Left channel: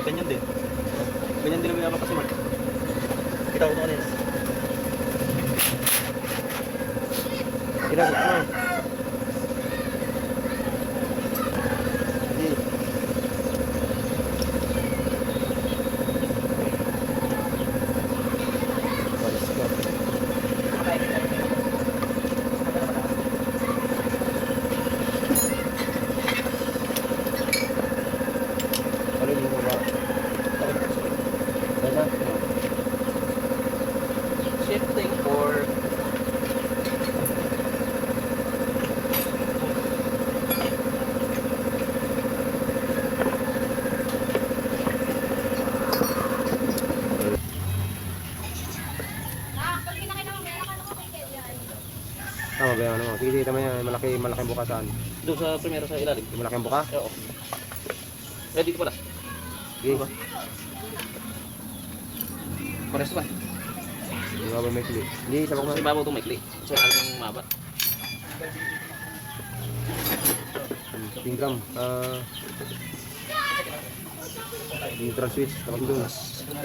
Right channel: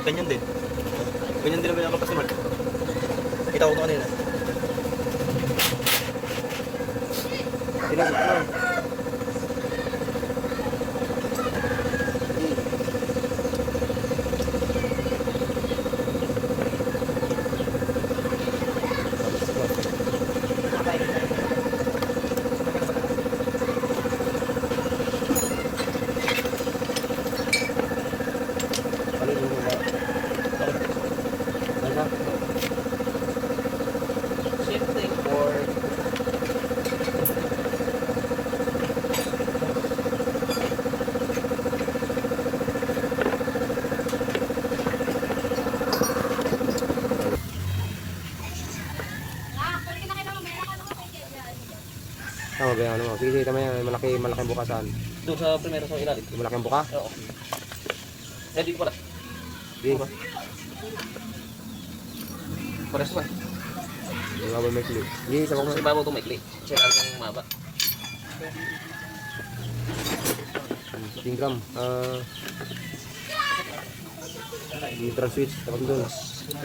Mark, ganyan din. Ganyan din naman yung si Mark. Kita ko ito kanina. Ginagawa mo. Shifting for... Tama ba yan? Ano? Sige, sige, tama yan. Malaking bukasan. Doon sa primero sa ilalim. Yung malaking buka? Oo. Ready ko pala. Sige. Pares ba? Yung nga ba may kli? Sige, sabak mo. Kasi babaw ito may kli. Kasi alam yung mabat. 15 gram. Neutral switch. Sabak doon.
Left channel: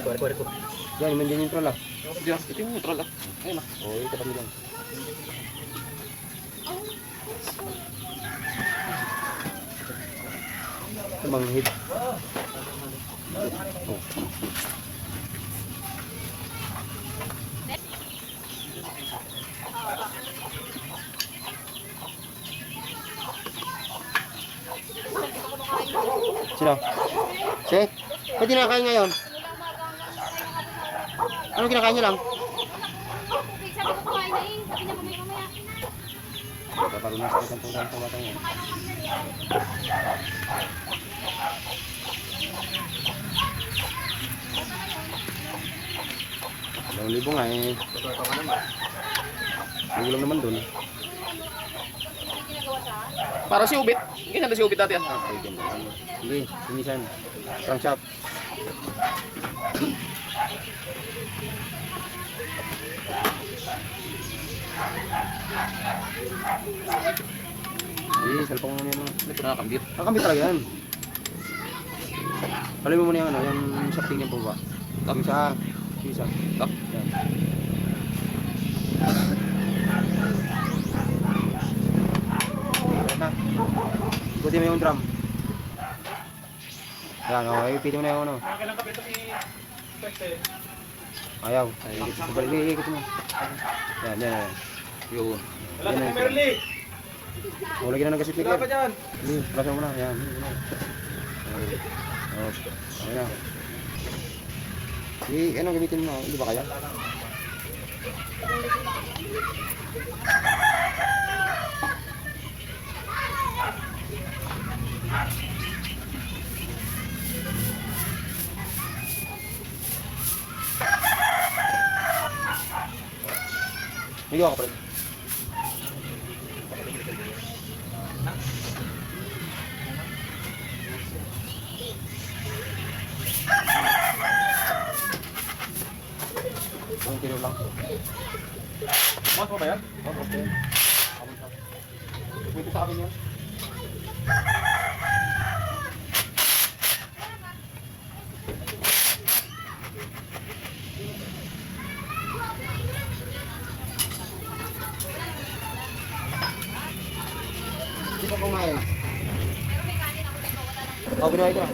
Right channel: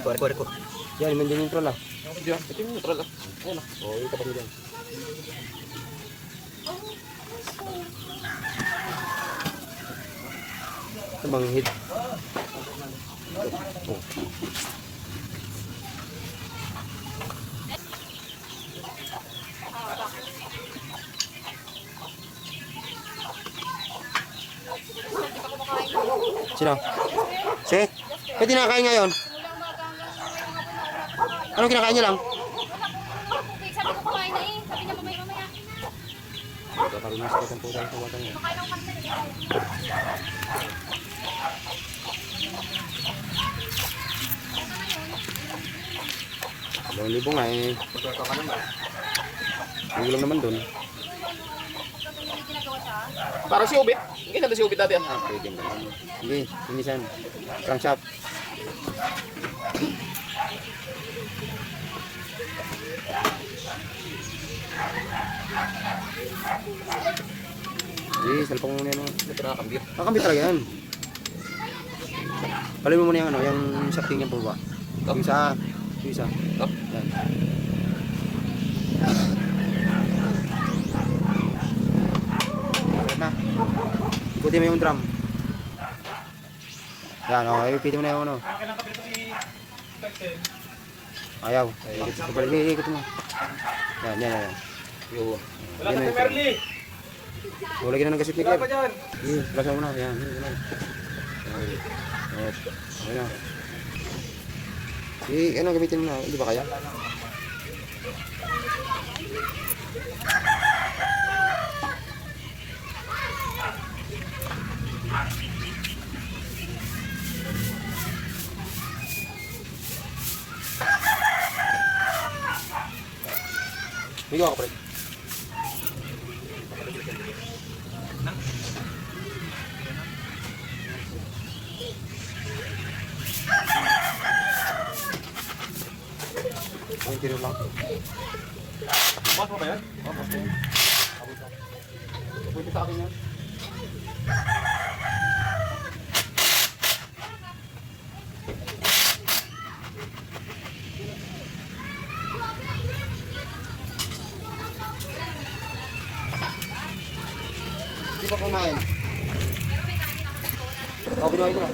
Kuwari ko. Yan, yung neutral ah. Diyan, ito yung neutral ah. Ayun ah. Oo, yung tapat mo dyan. Ito bang hit? Oh. Sino? Si? Ba't di nakakain ngayon? Ano kinakain niya lang? Sabi ko kumain na eh. Sabi niya mamaya. Kakaroon na sakit ang putang sa batang yan. Dalawang libo nga eh. Patuwa ka naman. Hindi lang naman dun. Para si Ubit. Ganyan na si Ubit dati ah. Pwede mo lang. Hindi, sinisan. Crankshaft. Hindi, salpang mo yan. Ito nakakambir. Kakambit talaga yan. Palay mo muna yung ano, yung shafting niya po ba? Yung isa. Top. Yan. Ulit na. Ikutin mo yung drum. Yan, okay. Ipitin mo na yung ano. Ayaw. Ikot mo. Yan. Yun. Yan na. Wala na ng gasip maker. Plus mo na. Yan. Okay na. Ano gamitin mo na? Hindi ba kaya? Hindi ko kapatid. Ang kilo lang. Mas mo ba yan? May pita yun. Hindi pa kumain. O, binuhay ko na.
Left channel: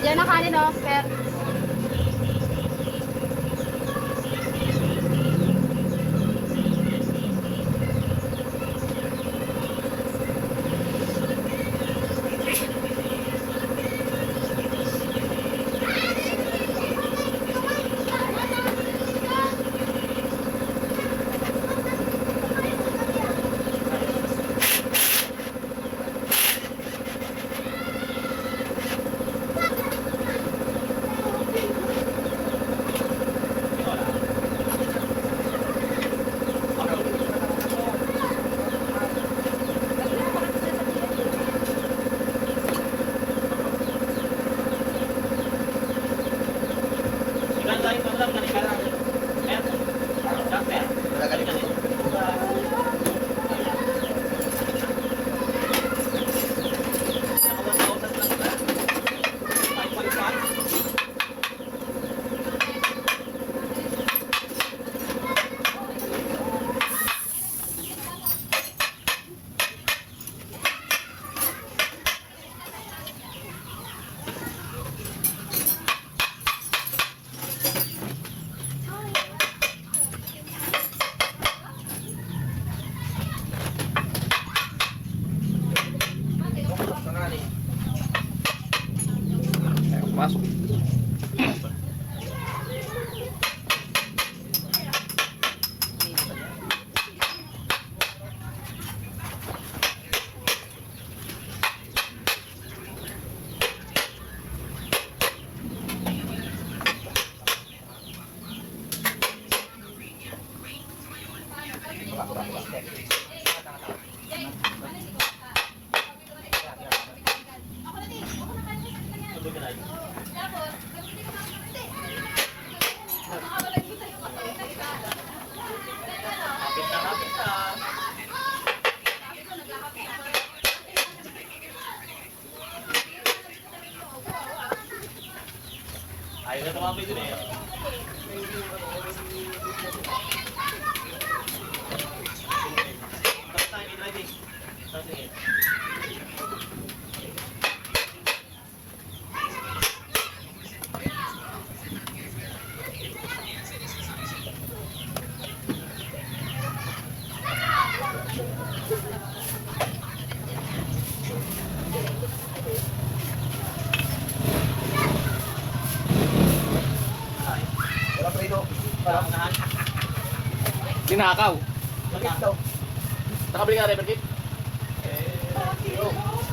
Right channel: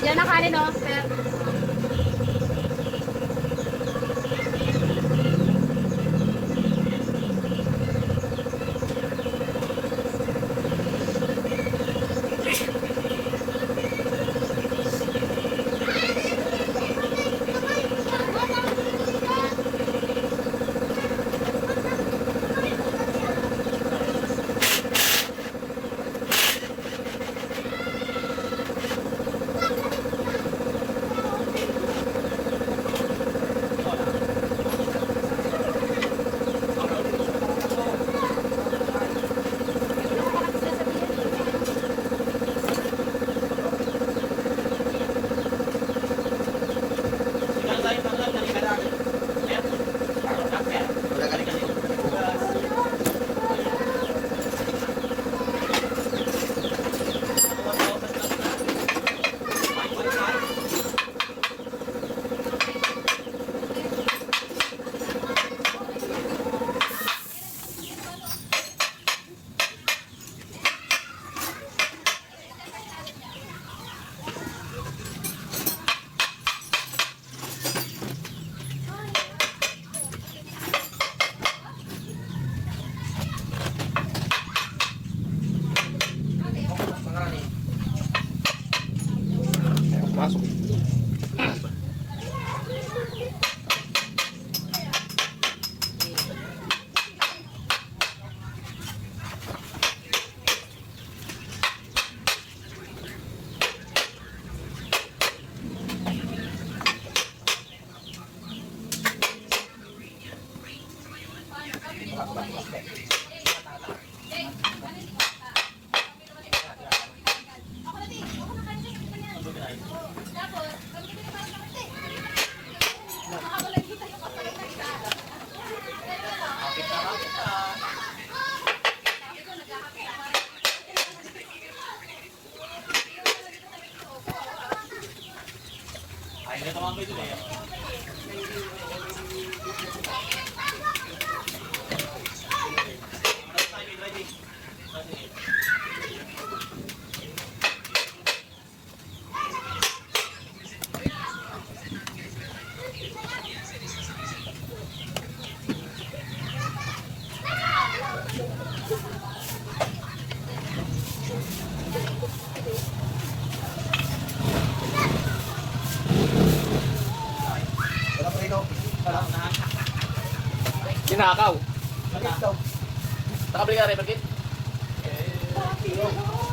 Yan ang kanin oh, sir. Wala pa ito. Parang Tinakaw. ito. Nakabili ka, Rebel Kit?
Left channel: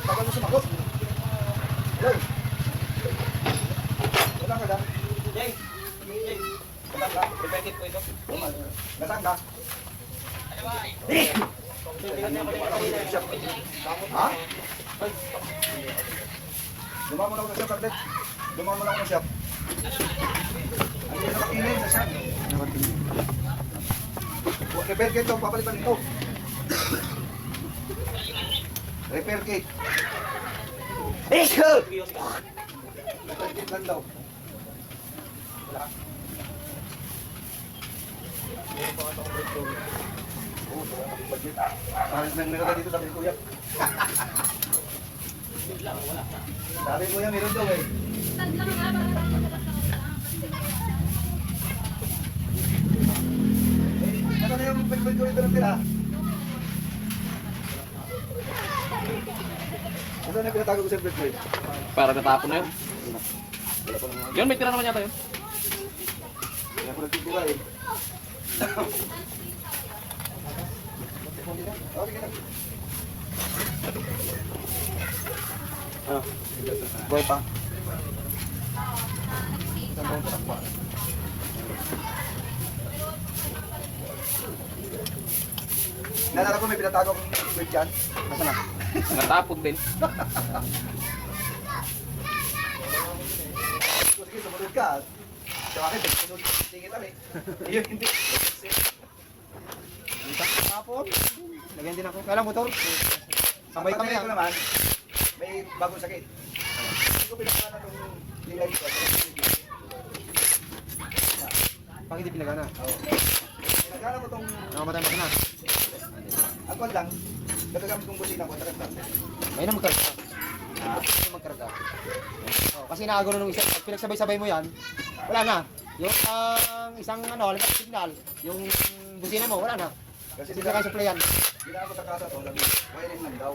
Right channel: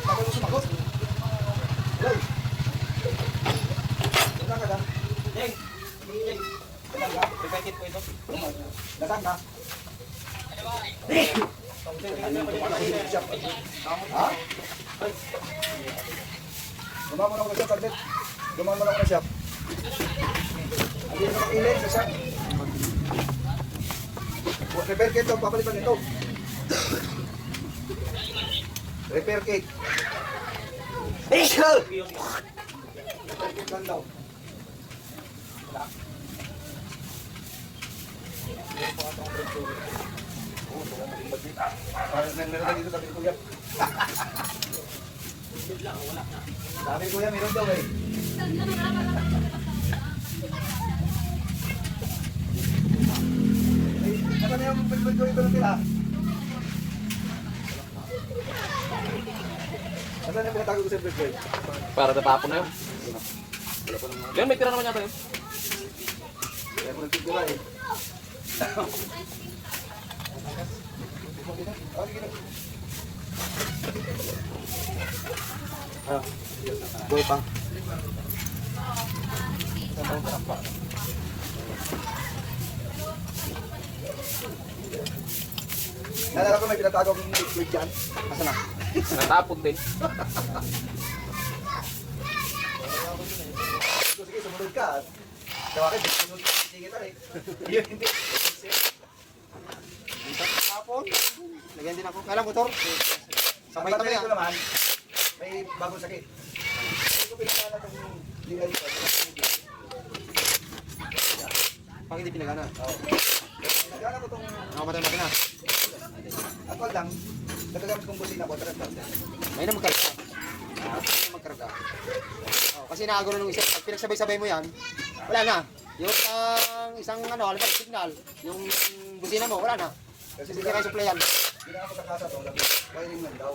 Tapos mo sumagot. Joy. Wala ka dam. Jay. Wala ka. Ipekit ko ito. Lasang ka. Ha? Dumamo na ako sa Corbett. Dumamo na ako siya. Hindi na makilin. Isa. Repair kit ito. Papalitan ito. Repair kit. Repair kit lang daw. Parang nang dito sabi ko, Kuya. Sabi ko, Kuya, meron daw eh. Ano na yung pagpag ko ito sila? Ano na yung pinatago ko sa pagpag? Para natapon na yun. Yun, may tira naman yata yun. Kaya ko nagtitira eh. Goy pa. Nalala ko may pinatago akong liquid dyan. Nasaan na? Natapon din. Sige, sumunod ka. Sa akin, tingin ito eh. Yun, hindi. Hapon, lagyan din ako. Kailang motor. Sabay kami ko naman, may bagong sakit. Hindi ko pinagkala itong DI ko. Pag hindi pinagana. Oo. Nagkala ko itong Nakamatay makina. actual lang. Matagamit kong busina ko. Tagat lang. May na magkarga. May magkarga. Oh, kasi nakagulo nung isa. Pag pinagsabay-sabay mo yan, wala na. Yung isang halimbawa signal, yung busina mo, wala na. Kasi Hindi ka kayo supplyan. Hindi na ako sa kasa to. Sabi, wiring lang daw.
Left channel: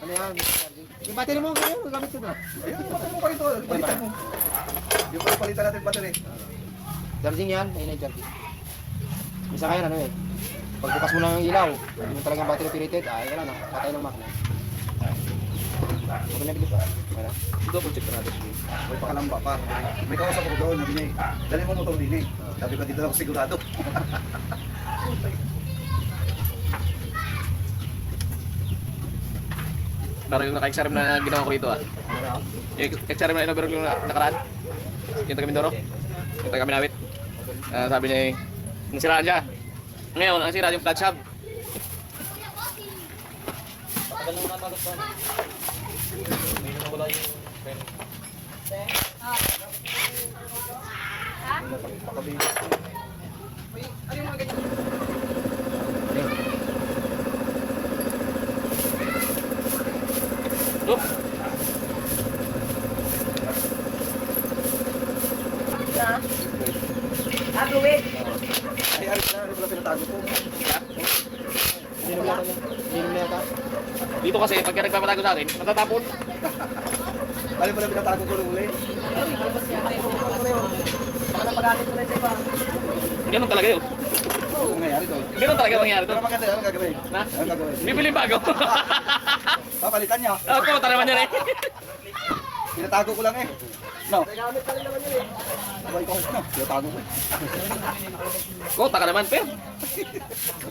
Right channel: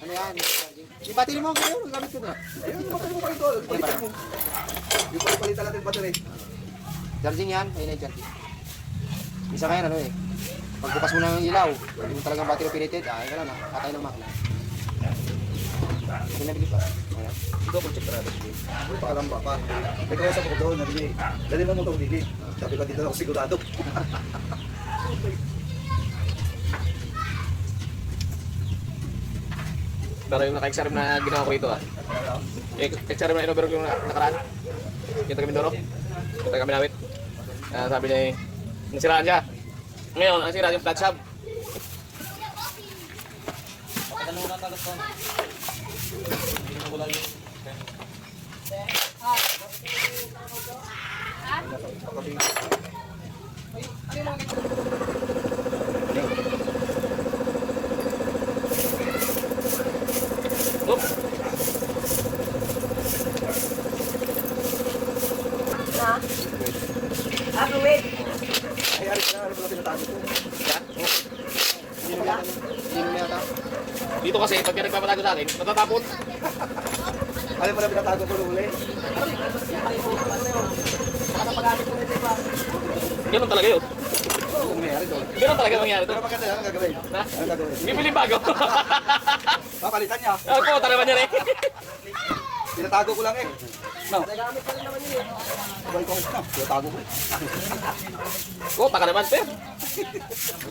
Ano yan? Yung battery mo, ganyan, gamit ko na. Ayun, bakit mo pa ito? Palitan mo. Yung palitan natin battery. Charging yan, ayun na yung charging. Isa kaya ano eh. Pagbukas mo ng ilaw, hindi mo talagang battery operated, ay wala na, patay ng makina. Okay na bilis pa. Wala. Double check natin. May paalam ba pa? May kausap ko doon. Nabili. Dali mo itong dili. Sabi ko dito na ako sigurado. Para yung naka-exarim na ginawa ko rito ah. Yung exarim na inobero yung nakaraan. Yung taga Mindoro. Yung taga Minawit. Sabi niya eh, nasiraan siya. Ngayon, ang sira yung clutch hub. Patagal mo na tagat ko. May nawala yung... Pagkabi. Oop! Wait. Ay, alis na. Alis na pinatago ko. Hindi naman yata. Hindi naman yata. Dito kasi, pagka nagpapatago sa atin, matatapon. Alis mo na pinatago ko nung uli. Ganun talaga yun. Ano nangyayari doon? Ganun talaga nangyayari Pero to. maganda yan. Ano gagawin? Na? Ano gagawin? Bibili bago. Papalitan niya. Oo, pumunta naman yan eh. Pinatago ko lang eh. No. Nagamit pa rin naman yun eh. May course na. Pinatago ko eh. Kota ka naman, per.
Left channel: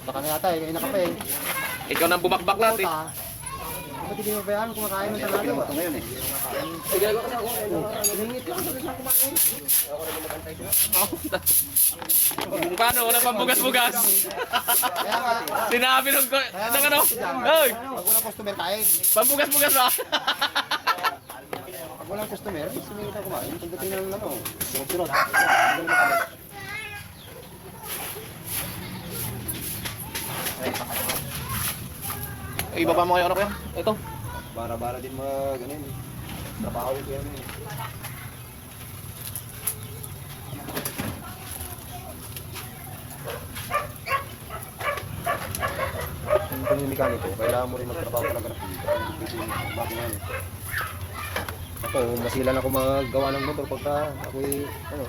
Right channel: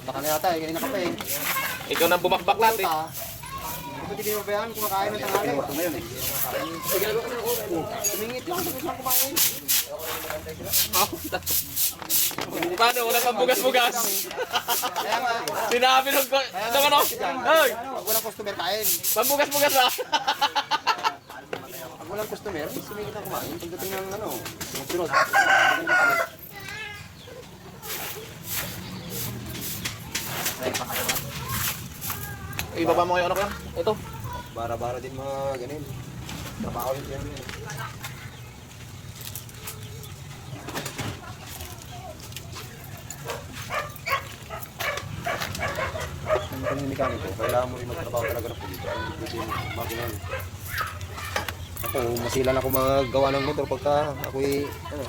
Baka na yata, kanina ka pa eh. Ikaw nang bumakbak lahat eh. Puta. Ba't hindi mo ba yan kumakain ng tanghali ba? Ito ngayon eh. Tumingit lang sa isang kumain. Paano? Wala pang bugas-bugas. Kaya nga, Sinabi nung ko. Ito ano? Hoy! pag walang customer kain. Pambugas-bugas ba? Pag walang customer, sumingit na kumain. Pagdating ng ano, sunod-sunod. Hindi na makabalik. Ibaba mo kayo ano kaya? Ito. Bara-bara din mga ganun. Trabaho yun yan. Yung panimekaniko, kailangan mo rin magtrabaho talaga ng pulito. Hindi pwede yung makina yun. Ako, masilan ako magawa ng motor pagka ako'y, ano,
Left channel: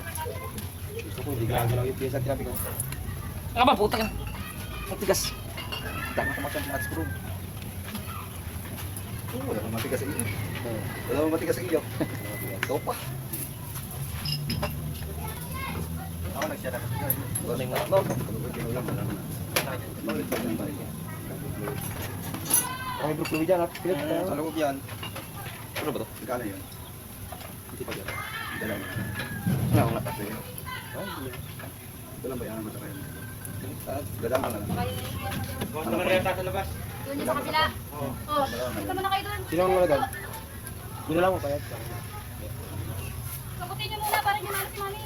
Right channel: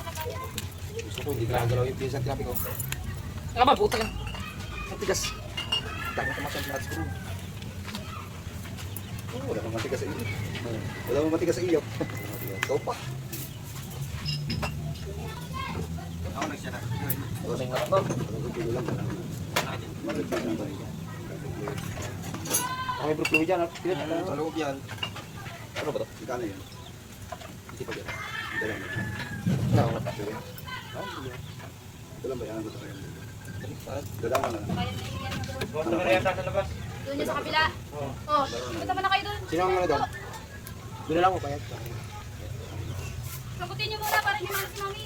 gusto ko hindi gagalaw yung piyesa at traffic ko. Ano ba, puta ka. Matigas. Dami ko masang match screw. Oo, wala kang matigas sa iyo. Wala kang matigas sa iyo. Ikaw pa. Ako nagsiya na. Lusing na ba? Ako may bruklo dyan, at pilit. Sa loob yan. Ano ba to? Magkano yun? Hindi pa yan. Dala mo. Ano nga? Dala ba yan? Dala mo na lang. Doon niya sa kabila. Oh, punta mo na kayo doon. Sino ang ano doon? Doon na lang mo bayad. Sagutin niyo muna para niyo mahal si Mami.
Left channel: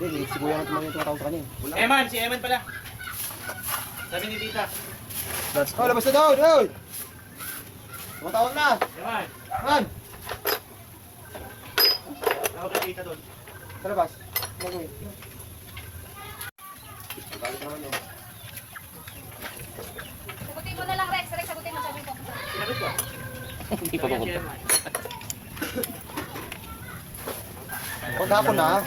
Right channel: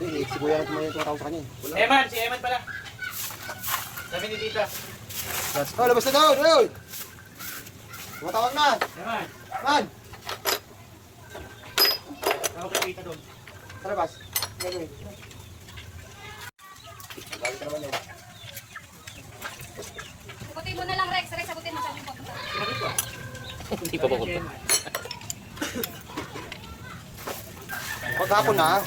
Hindi, si Kuya natin mga yung tumatawag sa kanya. Eman, si Eman pala. Sabi ni Tita. Oh, labas na daw, daw! Tumatawag na! Eman, Man! tawag kay Tita doon. Sa labas. Gagawin. Galit na naman yun. Sagutin mo na lang, Rex. Rex, sagutin mo. Sabi mo papunta. Hindi pa pupunta. Pagkapon na,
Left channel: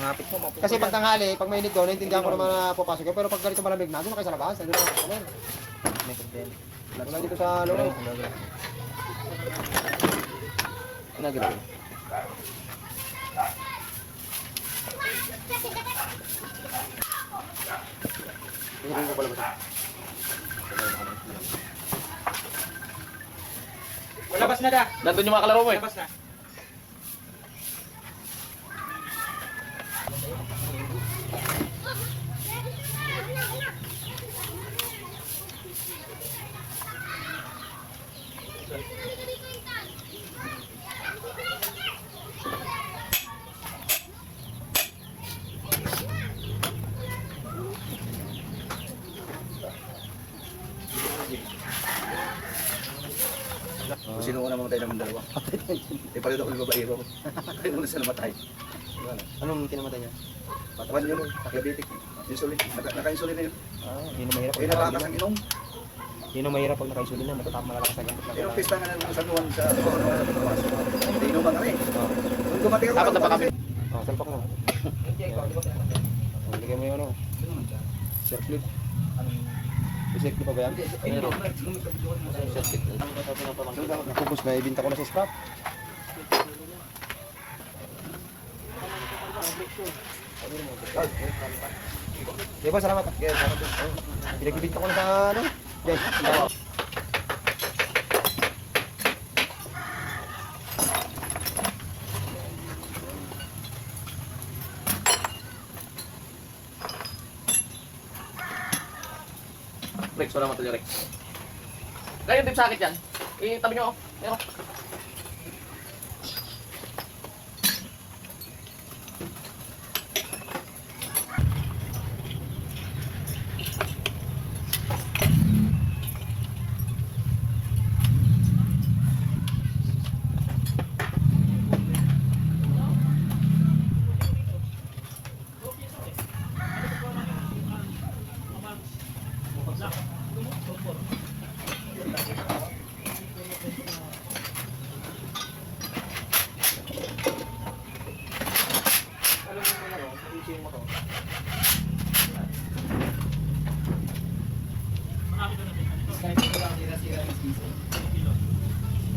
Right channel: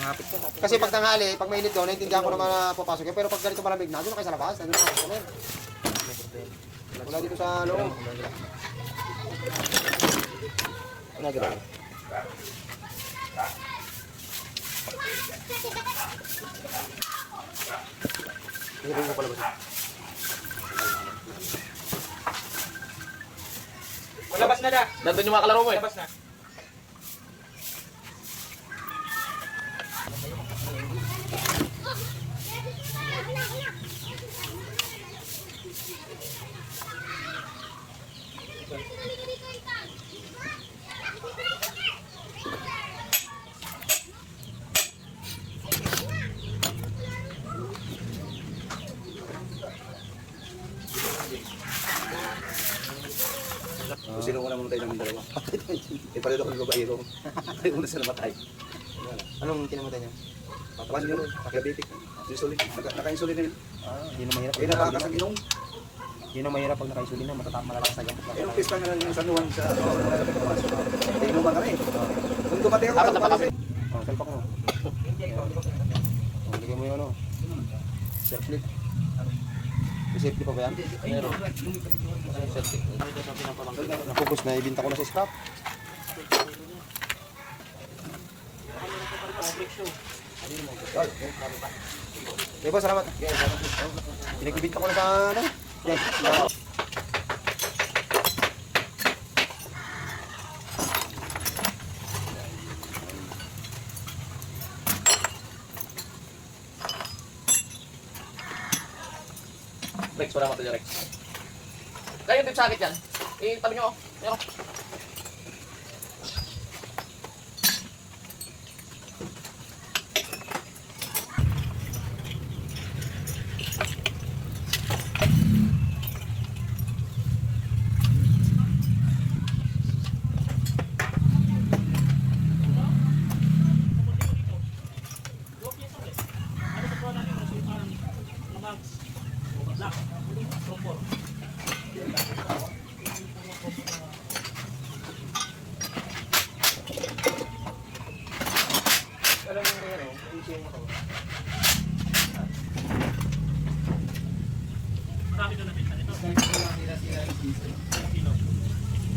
kasi pag tanghali, pag mainit doon, naintindihan ko naman na papasok yun. Pero pag ganito malamig na, doon na kayo sa labas. Nandun na mga customer. Wala dito sa loob. Nagalaw. Hindi ko palabas. Labas na da. Nandun yung mga kalaro mo eh. Labas na. Kung sino una mamatay ng dalawa. Ipalito ko yung babaero. Ay, una sila matay. Anong kinamatay niya? Patawan yun, paklabitik. Insulin. Naka-insulin na yun. Hindi na mahirap. Kaya natakas ang inom. Hindi na mahirap pag naka-insulin na, malalakas na gamot Yung lang. pista nga ng San Juan sa hindi inuman kami. Kung dumating ako, Dapat na pa kami. Oh, talpak mo. Oh, lagay mo yung ano. Circuit. Circuit pa ba yan? Meron. Napupus na, ibinta ko na sa scrap. Okay po, salamat. Pinagbibinta ko na sa ano. Yan. Rex, wala mo ito Rex. Kaya yung tip sakit yan. Eh, tabi nyo. Meron.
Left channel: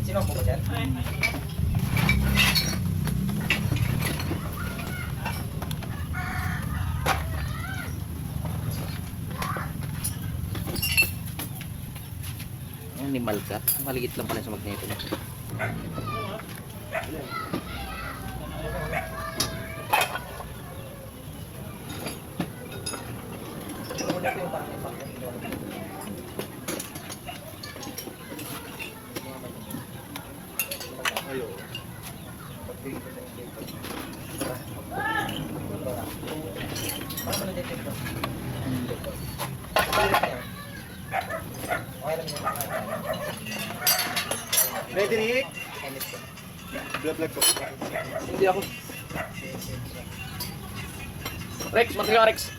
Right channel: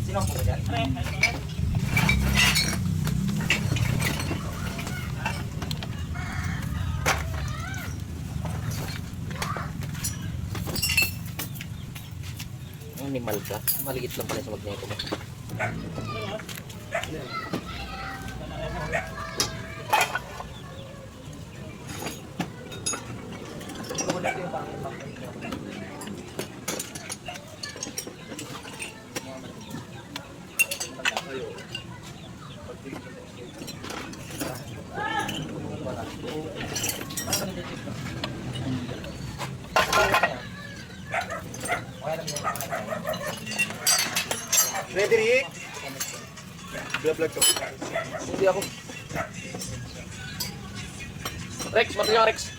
Sino ang dyan? Animal ka. Maliit lang pala sa magneto mo. Ayun. Frederick! Vlog ko. Hindi ako. Rex, mati ka Rex.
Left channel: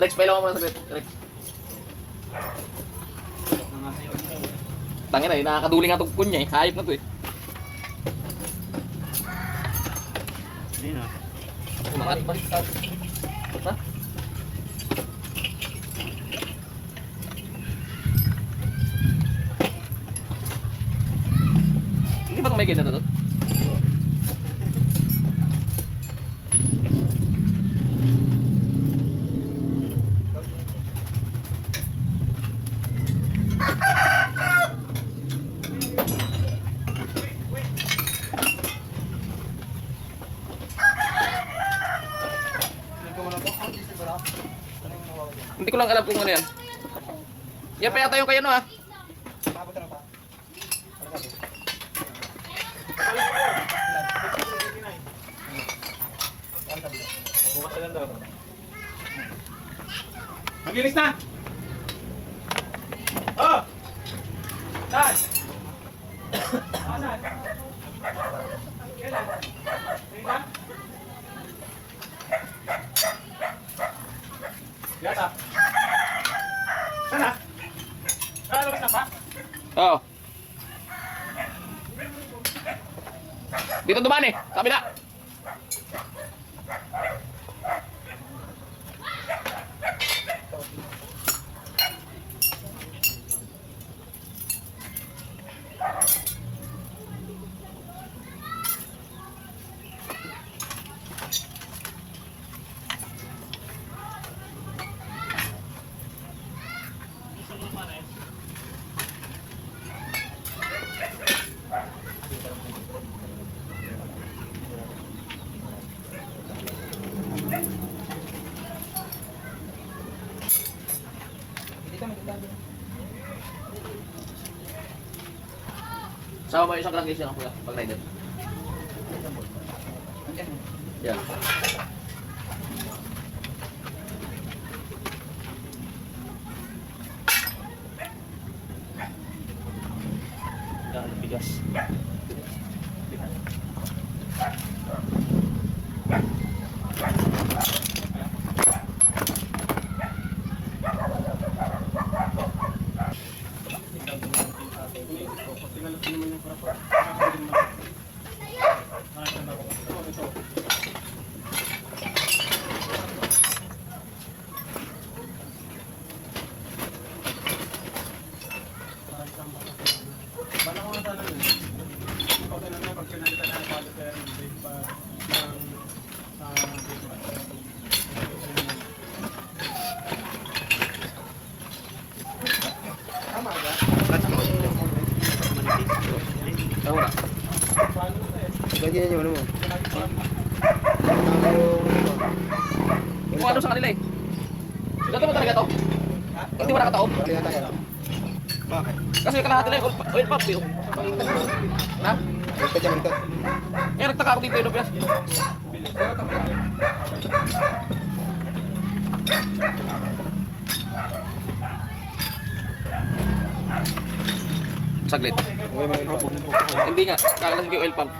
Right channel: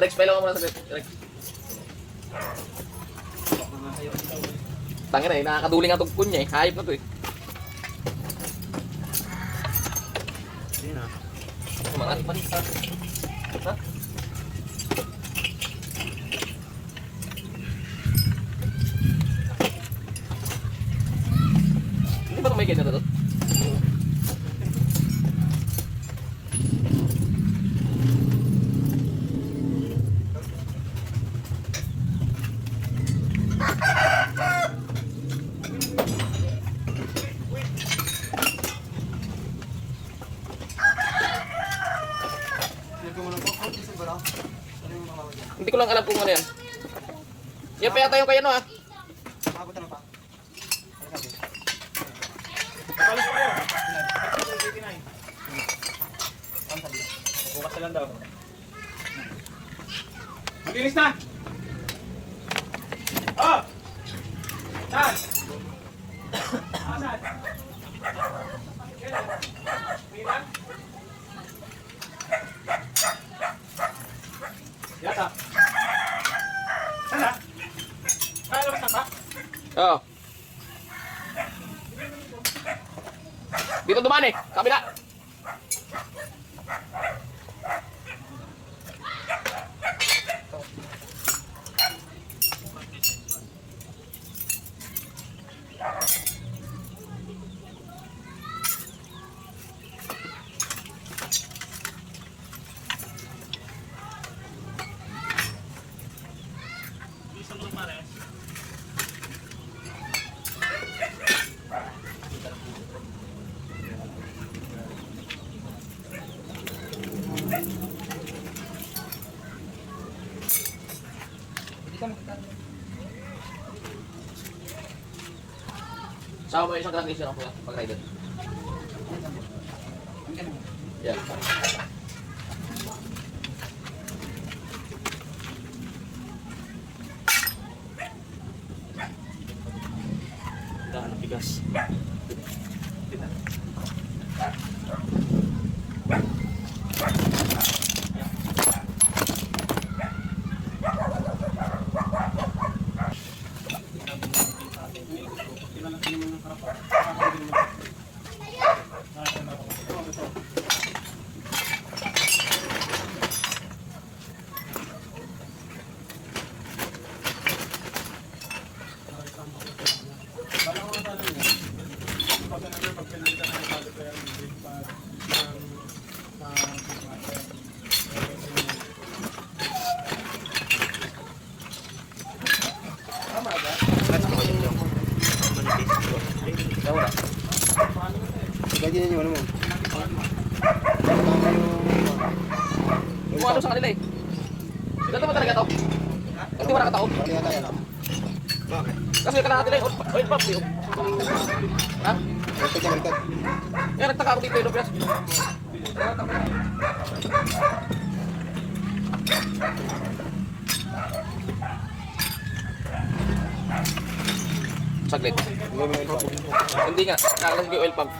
Rex, pailaw ka muna sa Rex. Tangin na eh, nakakaduling nga itong kunya eh. Hayop na to eh. Hindi na. Kumangat pa rin. Ha? Hindi ba itong may ganyan na to? Hindi ko lang alam kung ano yan. Yan pa yata yung kayo no ha. Bukas na lang daw. Magilis na! Oh! Saan? Saan? Kailan? Kailan? Yata. Sana? Nalabas na ba? Oo. Dito dumaan eh. Kabila. Sama mo yung isang grandis yan kuya, pag rider. Yeah. Dahil bigas. Tahu na. Ganyan yung ano mo. Kung ano sa kanila eh. Ganito ba talaga to? Hindi mo nakataob? Wala yata yan. Bakit? Kasi kalahati lang oil pump eh. Ha? Baliktad yan, baliktad. Yan, nagtaka ako dito eh, Nopias. Saglit. Hindi nga, nakalasig yung oil pump.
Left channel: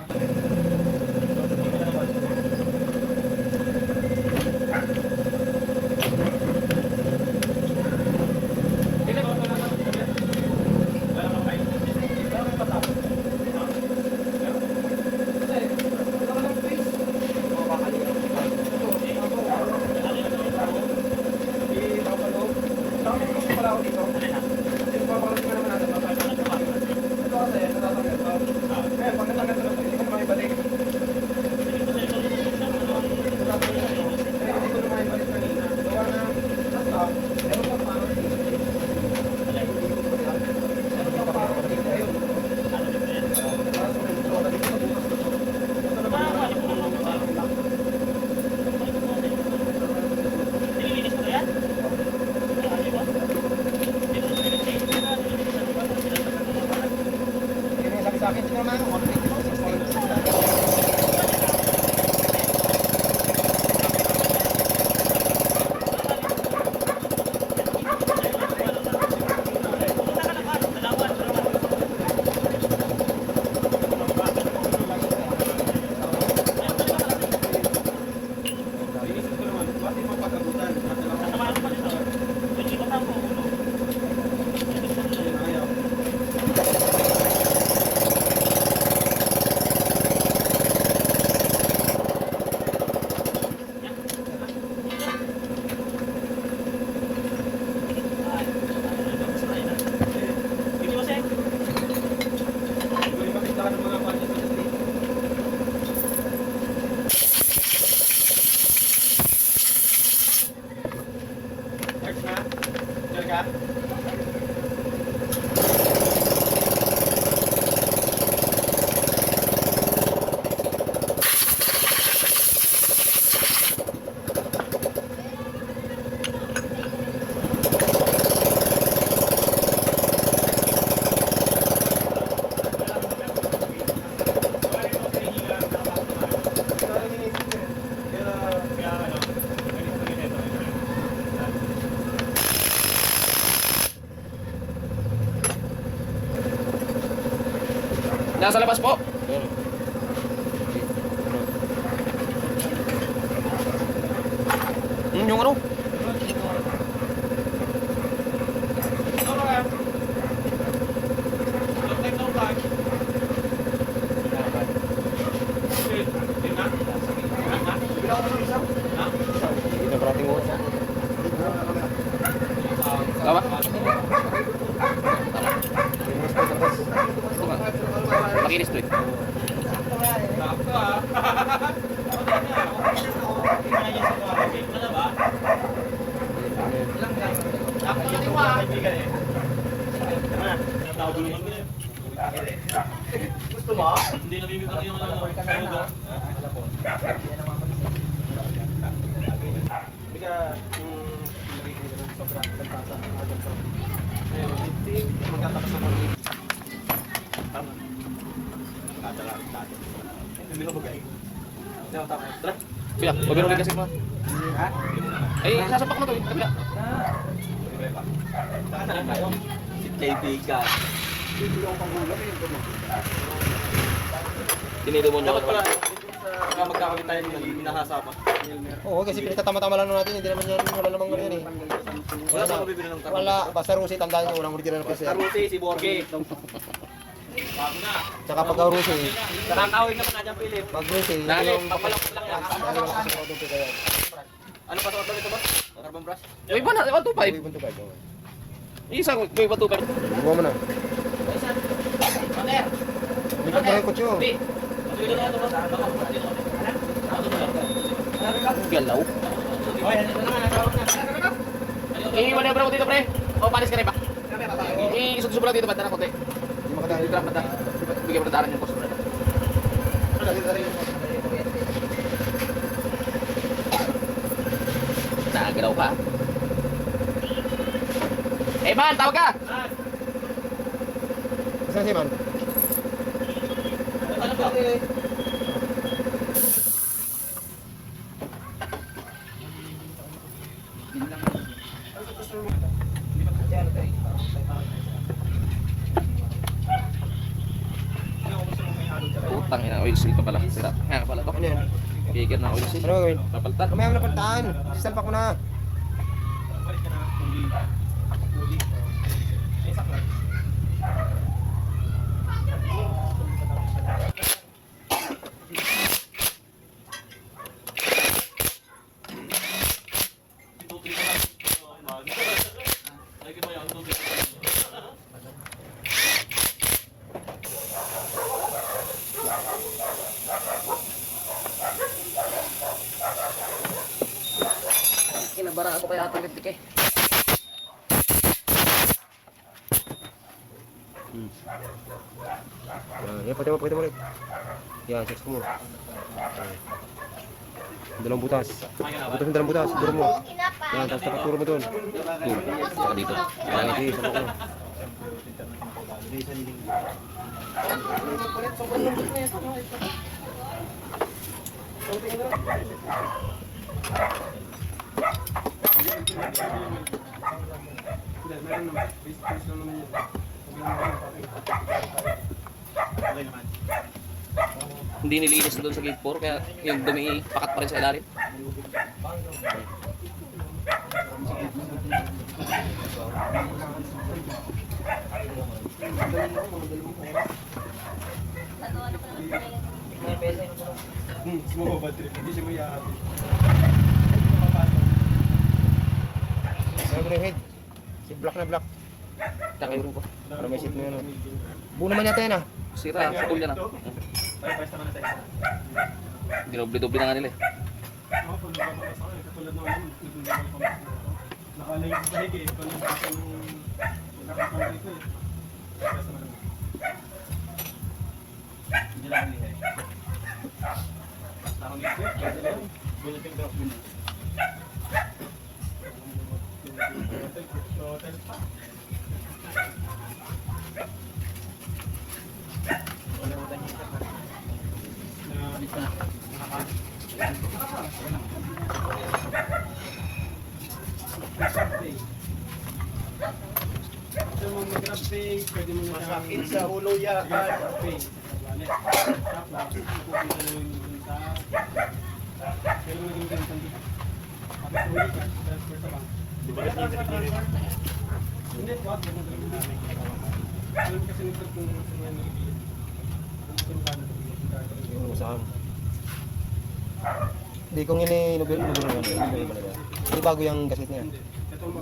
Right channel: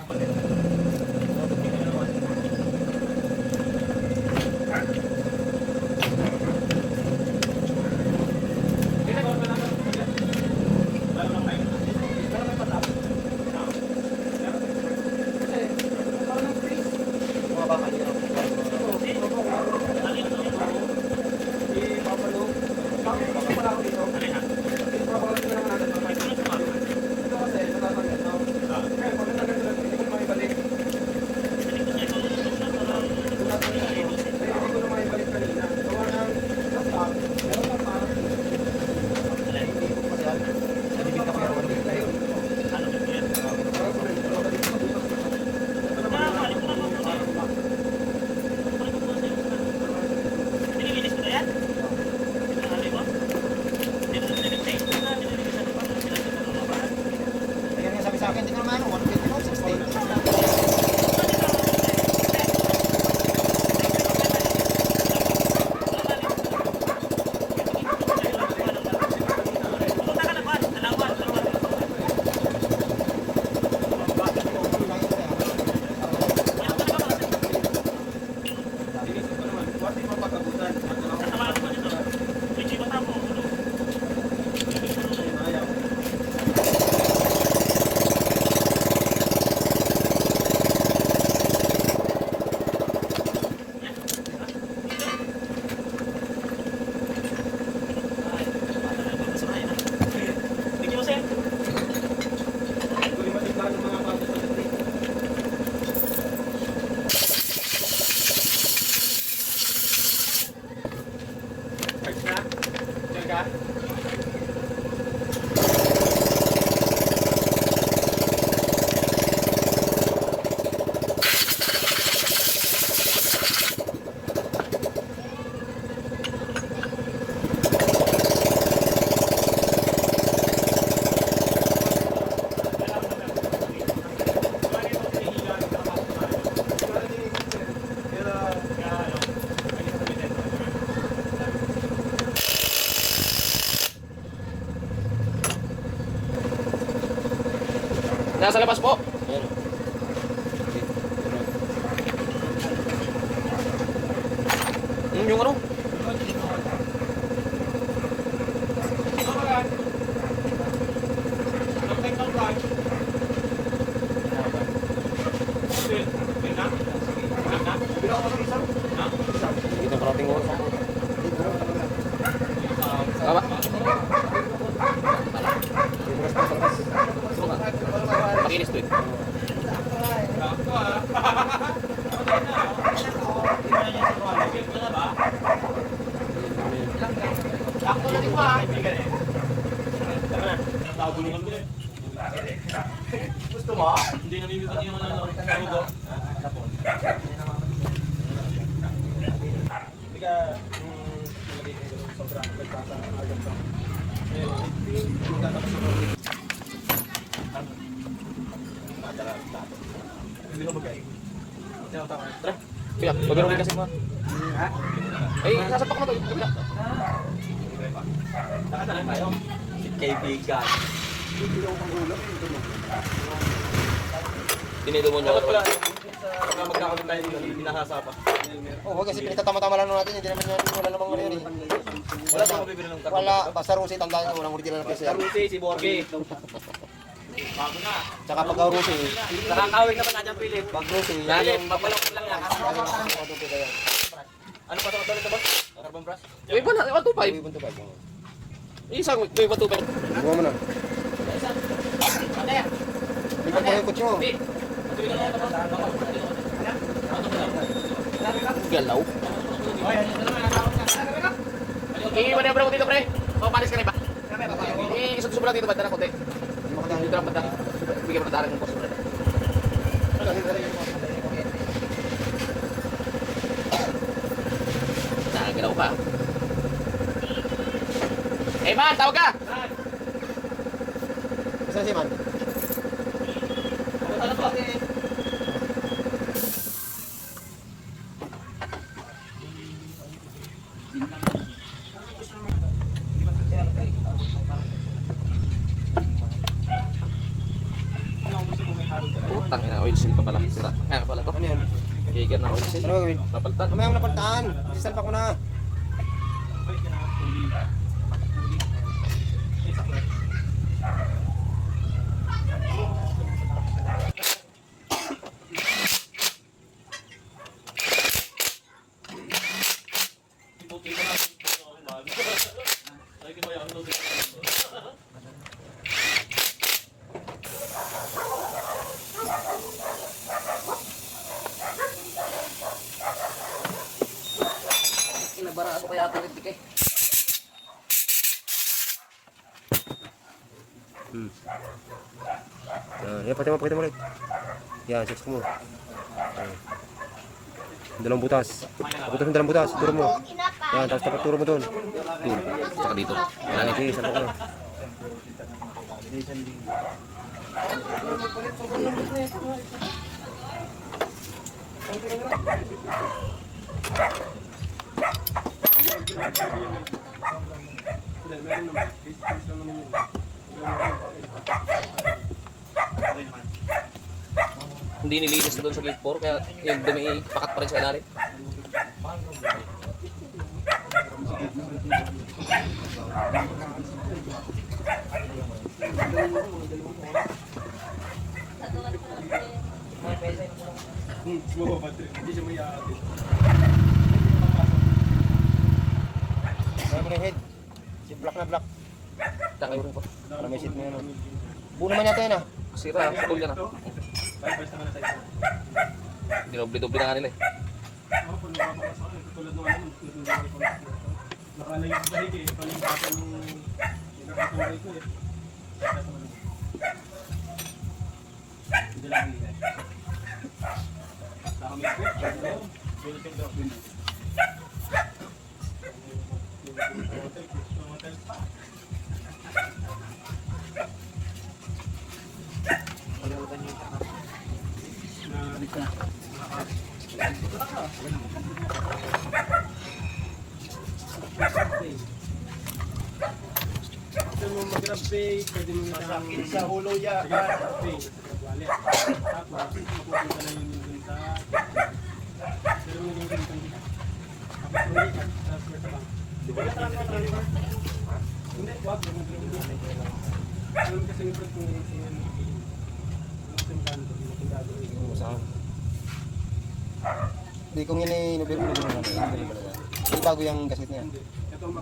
Nasa labas po. Ayan. Yung ano? Dito parating oras ako. Tama? Makinis to eh. Kaya, pagbinumin kasi mo. Eh, sasapak mo to. Kabila. Kaibigan. Dinidemonyo ko naman. Magkakaroon tayo ng binahasa pa. Oo, kasi pinagtatama-tama lang natin. Hindi naman yan, wala namang ano yan eh. Wala, basta Rusi, tandaan nyo, walang original kasi. Karusi, si Borgi. Tsaka pag Rusi, Nakakawig naman na dyan, Philip. pag Rusi, Dali, yung... magmalaki lang yan. Ano Ano pa sa ulit mo? Carbon brush? Yung iba na, 125. Ibon to ba? Yung isang, may 125. Bumo mo na. Lipat mo yung kutso. Galaw. I-manebra ko dito, pre. O, panis ka rin ba? I-isog-isog lang dito, banda na konti. Hindi makadaan. Dito lang banda. Bigyan mo na daanan yung post. Nagalaw ka. Eh, man, tawag ka! Saan si Man? Putang ina, oil seal pa pala. Sira. Nga pala to. Ano yan? Kikir ng oil seal. Ano gagawin? Papalitan. Kamayang napagtaan. Sisalpak ko na. Kinabara ako kaya ating rintik eh. Yan, pakita mo ulit. Yan, search mo. Dalawang butas. Butas mo, dalawang butas. Turo mo. Yan, tapos dapat turo mo doon. Doon. Saka dito. Yan, ito yung salpak mo. Hindi nilinis doon sa gate 4 kaya yung dumi pakat pa rin sa ilalim. Ano yung head? Si black na black. Tsaka yung ko. Para may seat mo yan. Buo naman yata yan ah. Sira, putol yan ah. Dinoble-doble na nga nila eh. Masakit sa ulo yan. Di kung yun ay nabili na ba? Hindi bago yung gasit niya.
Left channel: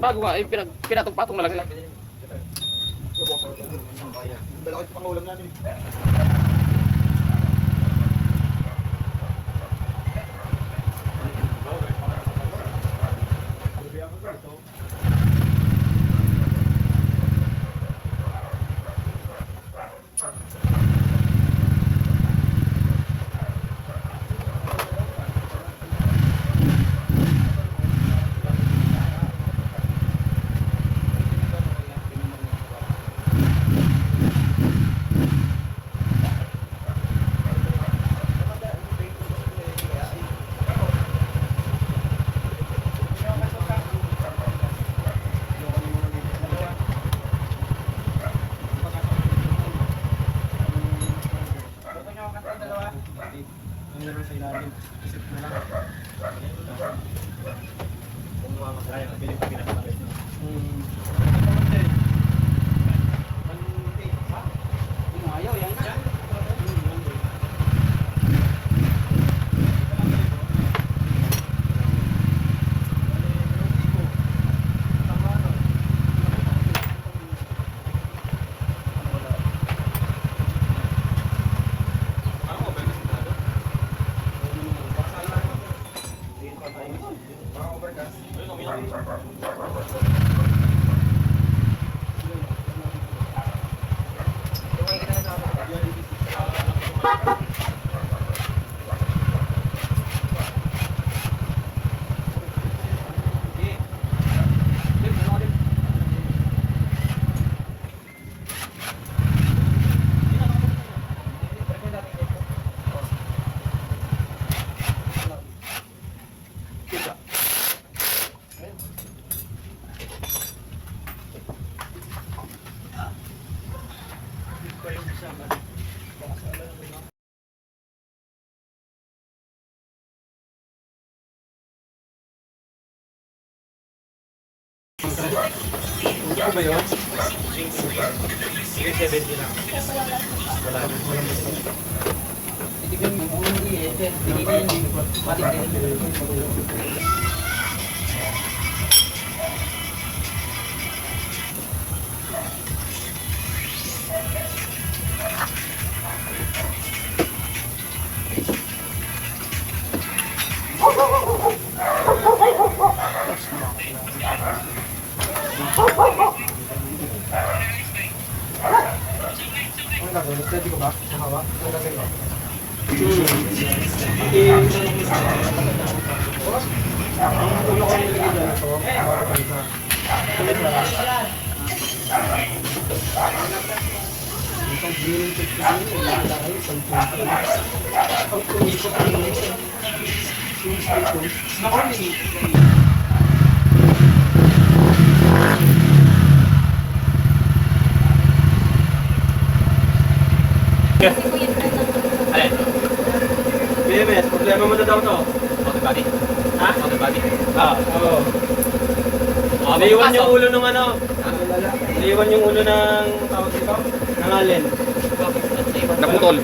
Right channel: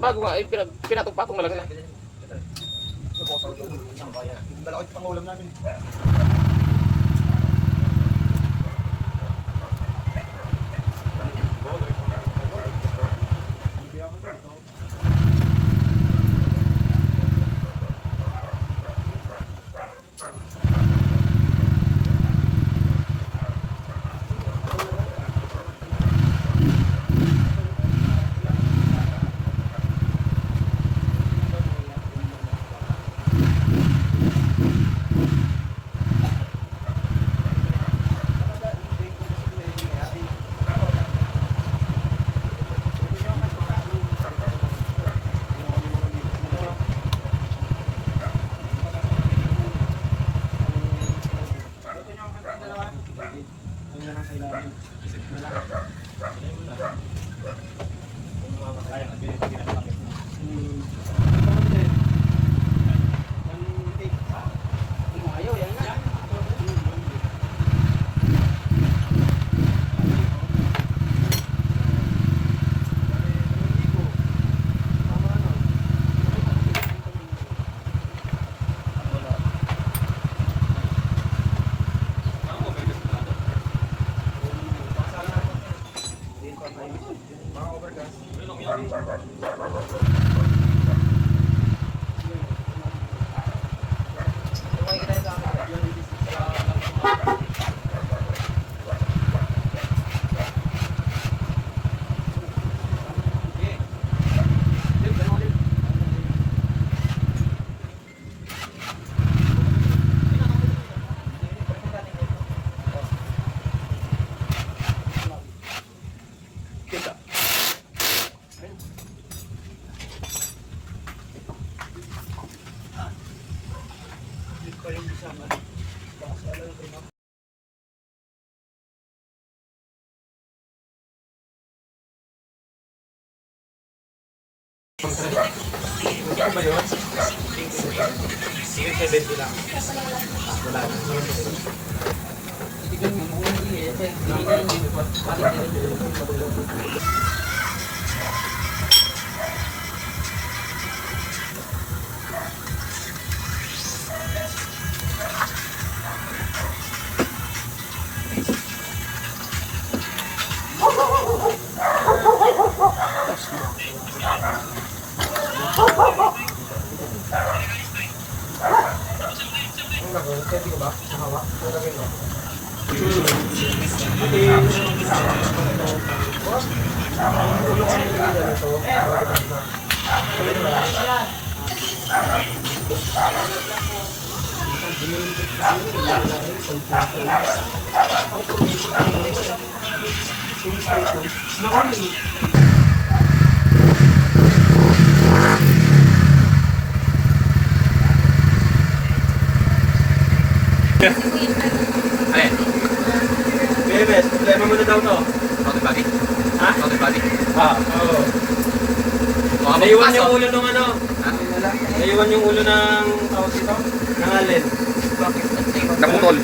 Bago nga, pinatong-patong mo lang sila. Dala ko yung pangulam namin. Alin? Bebes, problema mo na daw to. Outer body? Ha? Outer body? Oo. Baka Naiwan magpasok. yung ulo ng ano? Naiwan yung ulo ng tawag dito? Ng alin? Naputol.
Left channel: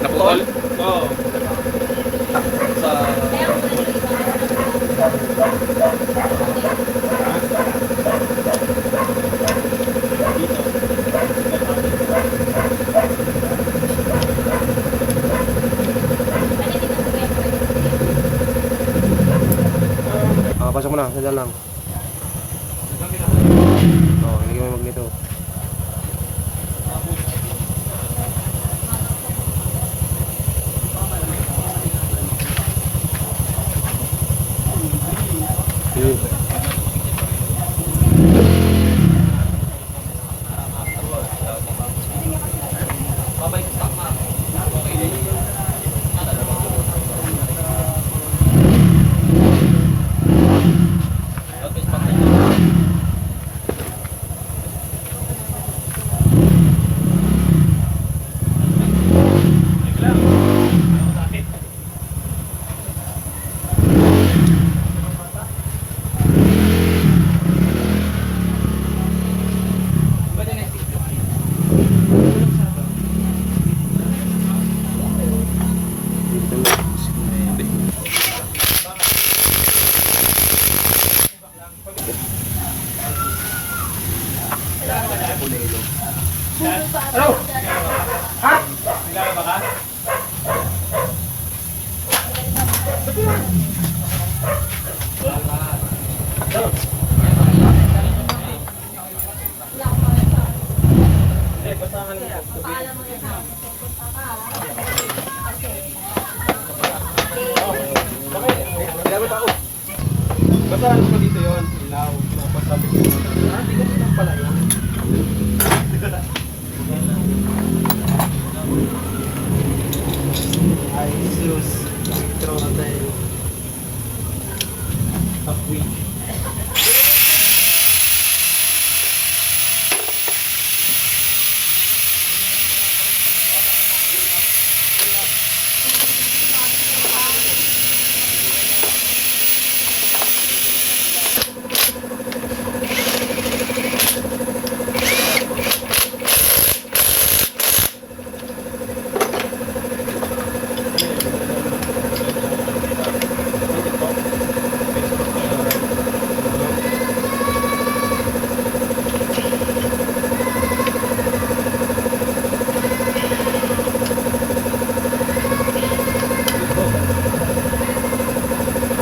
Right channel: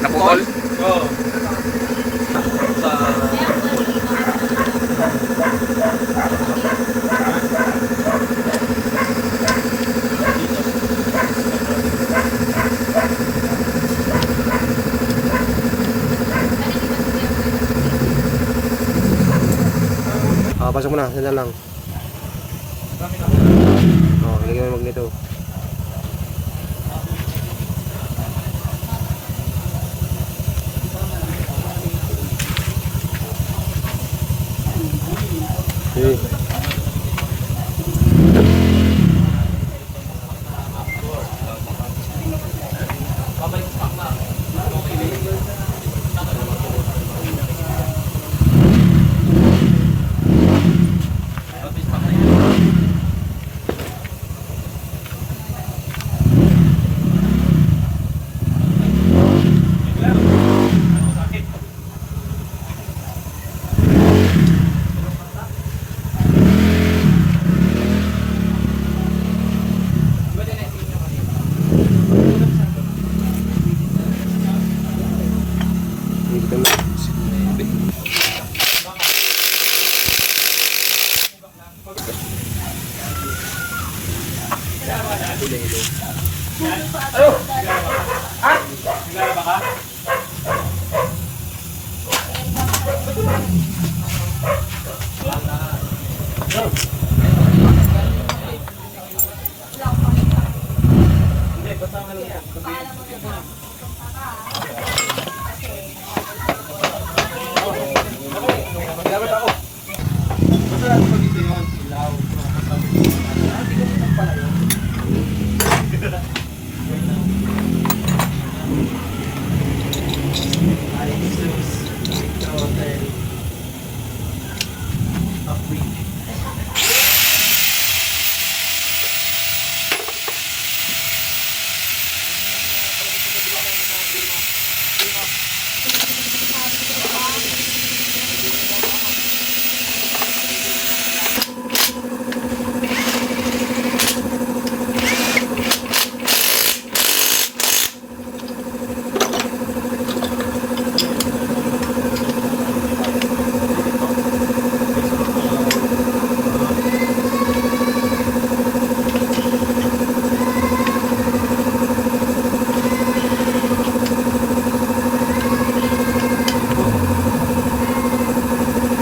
Naputol? Oo. Pasok mo na, sila lang. Ilagay mo yung magneto. Okay. Naglalaba ka? Hindi, basta ka lang. Gamit ako. Basta ano pa dito yun? Ilaw. Ay, Jesus. Trotel. Upgrade.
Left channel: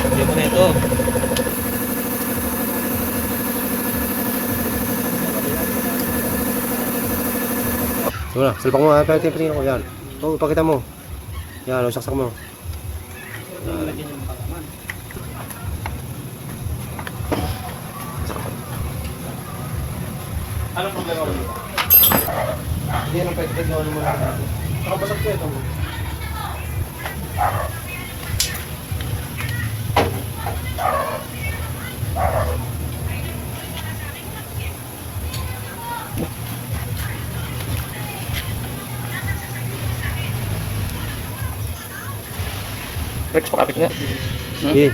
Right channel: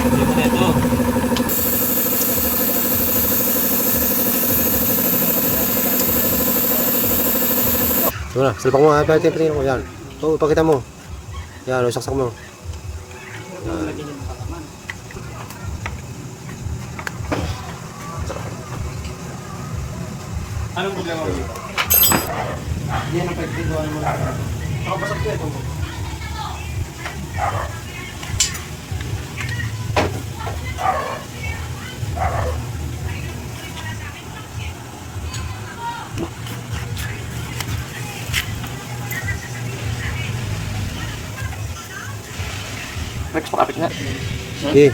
Hindi mo na ito. Sige na, salpak mo ha. Pero tingnan ko yan. Oo, ipakita mo. Yan, saksak mo. Anong problema mo dito? Hindi yan ang pwede gawa mo na. Nakabasag ko ito. Rex, pakapit nga. Sige.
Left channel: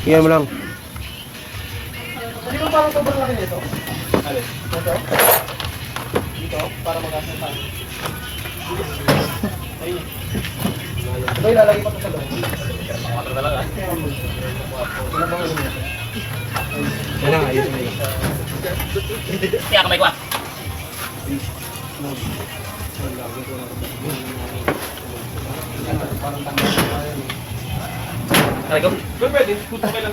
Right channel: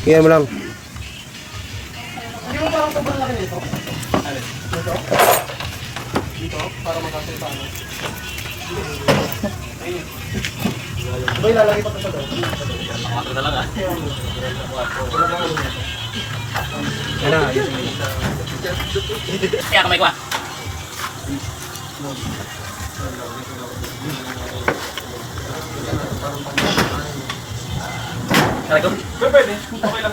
Kaya mo lang. Hindi mo parang sobrang laki nito? Alin? Ito? Dito? Para mag-asal pa. Ayun. Sabay lalagay ko ito sa loob. Pangatlo na lang ah. Yan na, ayun. Kaya kamay ko ah. Aray ko. Pwede, okay lang.